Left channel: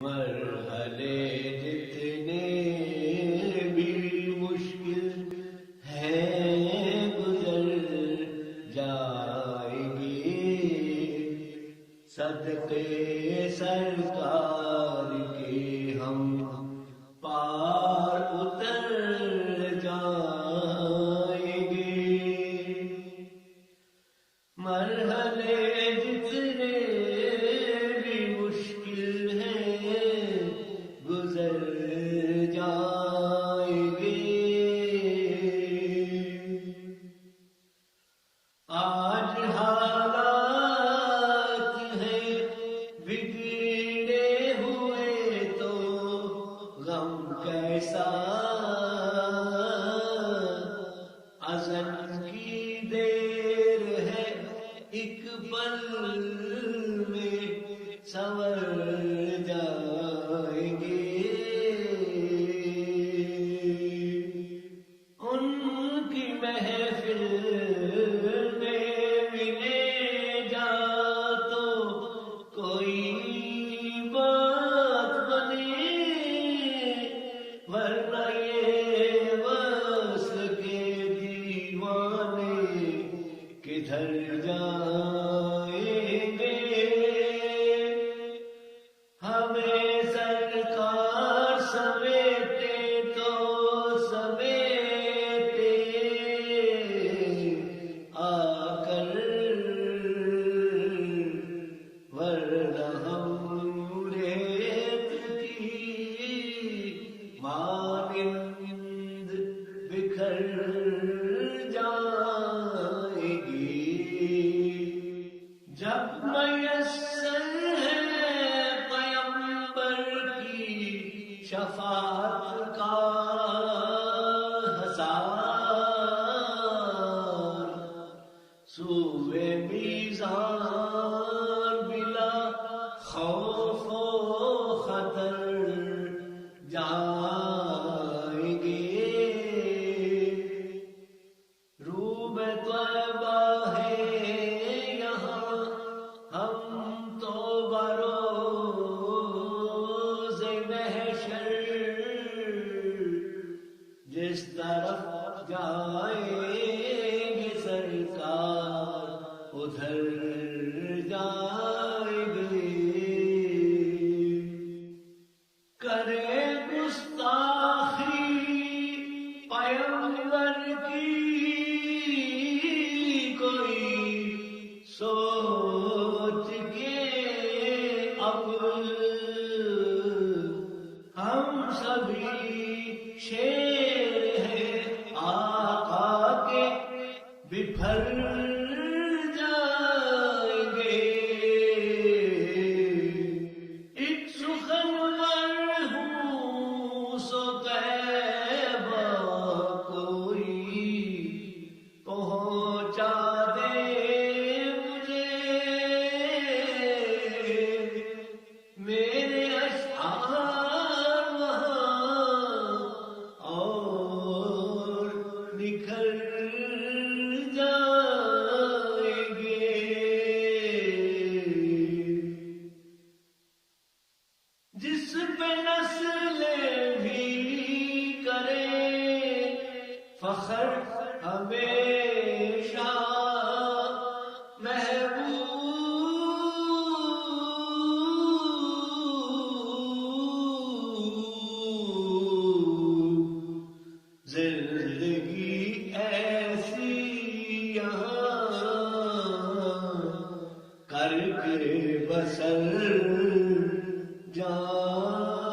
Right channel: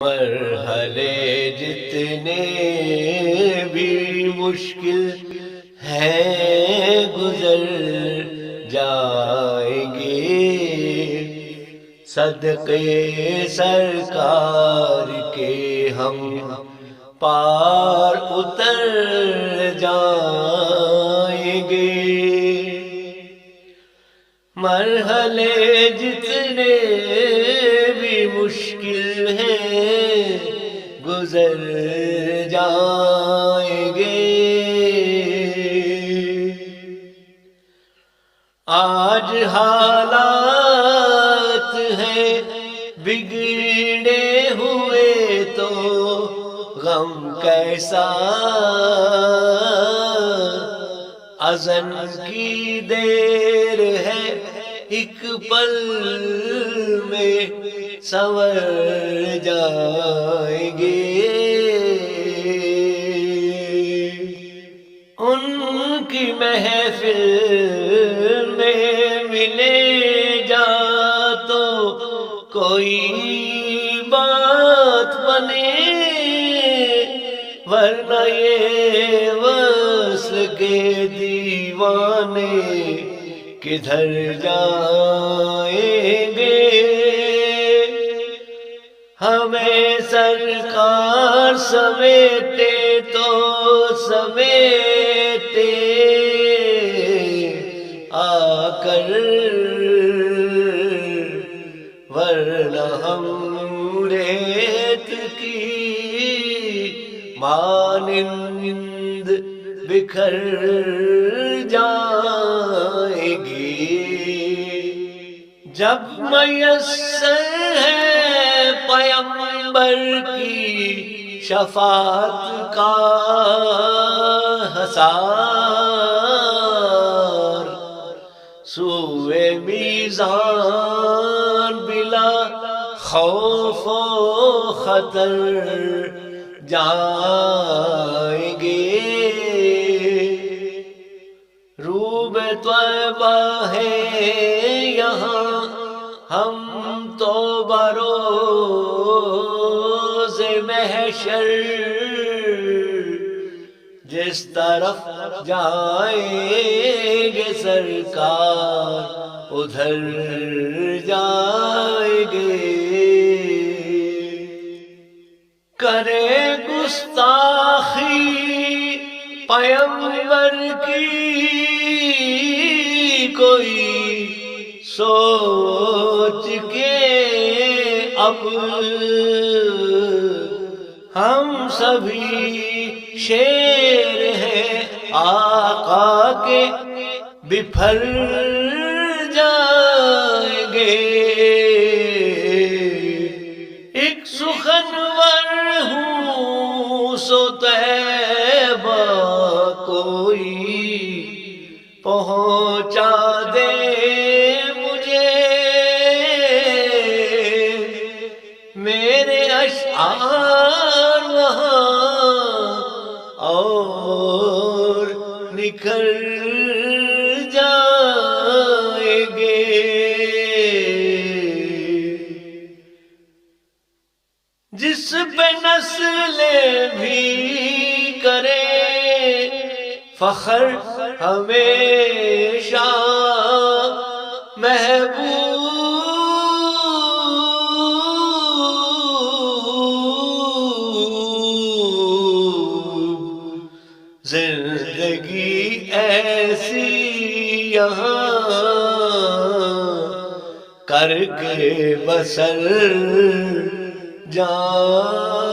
مرحلے جتنے بھی مشکل ہیں گزر جائیں گے، صدقے سرکار کے ہم پار اتر جائیں گے۔ مرحلے جتنے بھی مشکل ہیں گزر جائیں گے۔ آج حالات ہیں بگڑے ہوئے تو غم کیسا، اذن کی دیر ہے ایک پل میں سنور جائیں گے۔ ان کی محفل میں ملے جا تو کوئی بات بنے، ورنہ یہ وصل کے دیوانے کدھر جائیں گے۔ ہمیں سرکار سمیٹے تو سمیٹے آ کر، ورنہ ہم ریت کی مانند بکھر جائیں گے۔ جب میسر ہے پیغمبر کی شفاعت کا حصار، سوئے میزان بلا خوف و خطر جائیں گے۔ روب طیبہ ہے یہاں ہم تو بروز محشر، جس طرف جائیں گے سرکار ادھر جائیں گے۔ کرے گستاخی پیغمبر کی کوئی سوچ کے اب، ہم سبھی شیر ہیں آقا کے بپھر جائیں گے۔ ایک سخنور ہوں سو طیبہ کوئی پہنچا دے مجھے، میرے اشعار وہاں اور نکھر جائیں گے۔ جس پہ نسلیں بھی کرے فخر ہمیشہ محبوب، زندگی ایسی یہاں کر کے بسر جان